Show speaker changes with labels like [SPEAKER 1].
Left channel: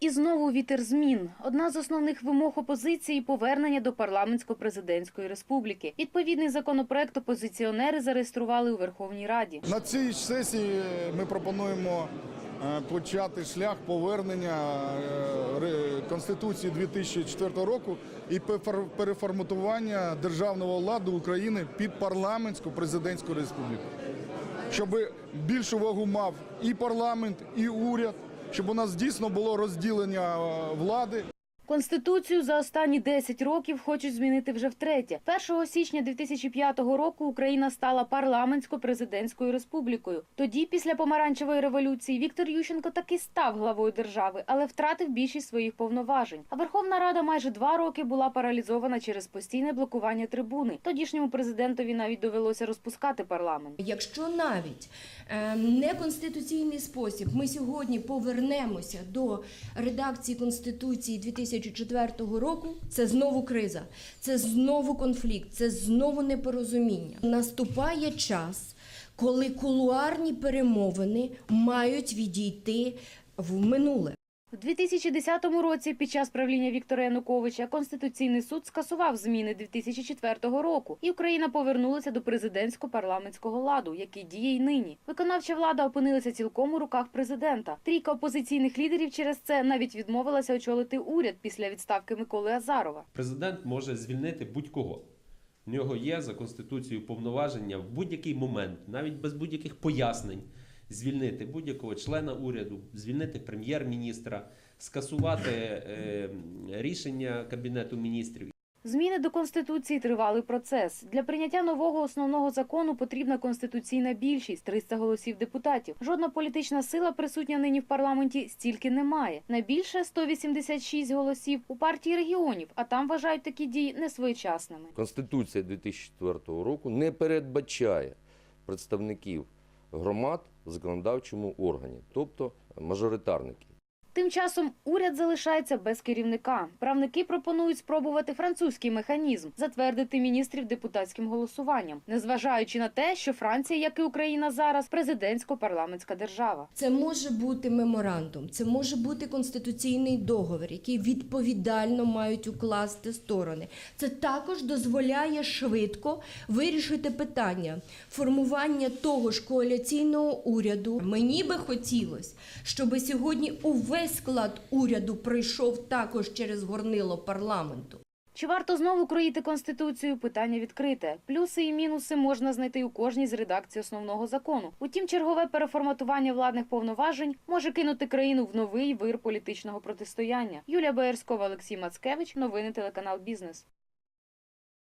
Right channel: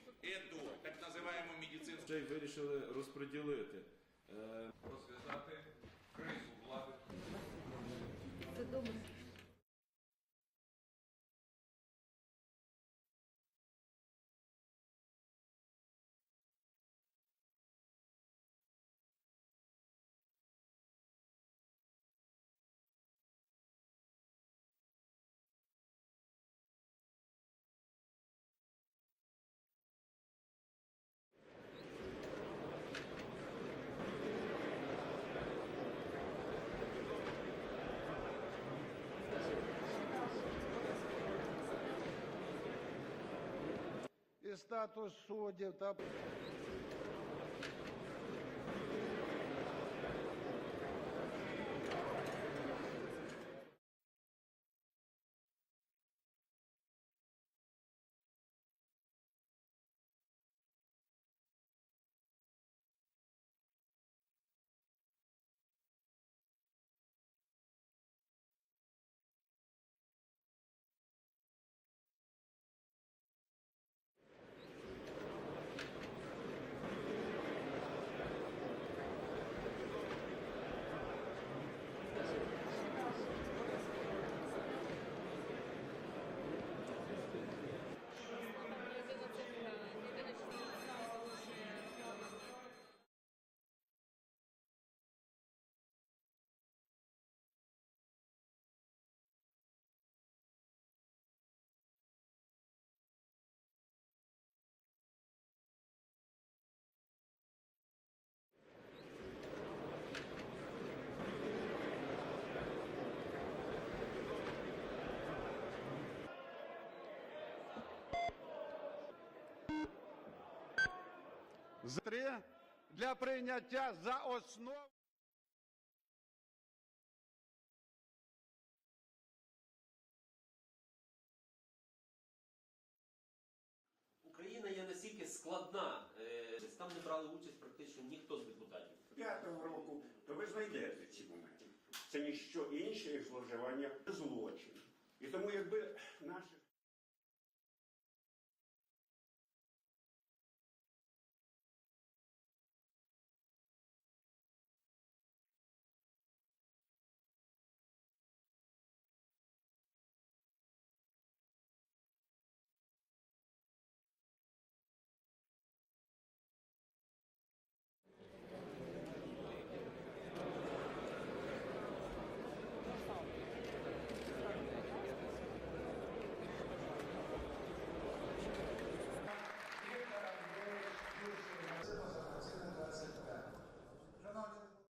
[SPEAKER 1] І знову вітер змін. Одна з основних вимог опозиції повернення до парламентсько-президентської республіки. Відповідний законопроект опозиціонери зареєстрували у Верховній Раді.
[SPEAKER 2] На цій сесії ми пропонуємо е, почати шлях повернення е, Конституції 2004 року і переформатування державного ладу України під парламентську президентську республіку. Щоб більшу вагу мав і парламент, і уряд, щоб у нас дійсно було розділення е, влади.
[SPEAKER 1] Конституцію за останні 10 років хочуть змінити вже втретє. 1 січня 2005 року Україна стала парламентсько-президентською республікою. Тоді, після помаранчевої революції, Віктор Ющенко таки став главою держави, але втратив більшість своїх повноважень. А Верховна Рада майже два роки була паралізована через постійне блокування трибуни. Тодішньому президентові навіть довелося розпускати парламент.
[SPEAKER 3] Якщо навіть е, неконституційний спосіб ми сьогодні повернемося до редакції Конституції 2004 року, це знову криза, це знову конфлікт, це знову непорозуміння. Наступає час, коли кулуарні перемовини мають відійти в минуле.
[SPEAKER 1] У 2010 році під час правління Віктора Януковича Конституційний суд скасував зміни 2004 року, і Україна повернулася до президентсько-парламентського ладу, який діє й нині. Виконавча влада опинилася цілком у руках президента. Трійка опозиційних лідерів через це навіть відмовилася очолити уряд після відставки Миколи Азарова.
[SPEAKER 4] Президент може звільнити будь-кого. В нього є за конституцією повноваження в будь-який момент, навіть без будь-яких пояснень, звільнити будь-якого члена уряду, звільнити прем'єр-міністра, скасувати е, рішення кабінету міністрів.
[SPEAKER 1] Зміни до конституції тривалий процес. Для прийняття нового основного закону потрібна конституційна більшість 300 голосів депутатів. Жодна політична сила присутня нині в парламенті стільки немає. Найбільше 186 голосів у партії регіонів, а там вважають такі дії несвоєчасними.
[SPEAKER 5] Конституція 2004 року не передбачає представників громад законодавчому органі, тобто мажоритарників.
[SPEAKER 1] Тим часом уряд залишається без керівника. Правники пропонують спробувати французький механізм затвердити міністрів депутатським голосуванням, незважаючи на те, що Франція, як і Україна зараз, президентсько-парламентська держава.
[SPEAKER 3] Це може бути меморандум, це може бути конституційний договір, який відповідально мають укласти сторони. Це також дозволяє швидко вирішити питання формування того ж коаліційного уряду. Мені би хотілося, щоб сьогодні увесь склад уряду прийшов також через горнило парламенту.
[SPEAKER 1] Чи варто знову кроїти конституцію? Питання відкрите. Плюси і мінуси можна знайти у кожній з редакцій основного закону. Утім, чергове переформатування владних повноважень може кинути країну в новий вир політичного протистояння. Юлія Боярськова, Олексій Мацкевич. Новини телеканал Бізнес.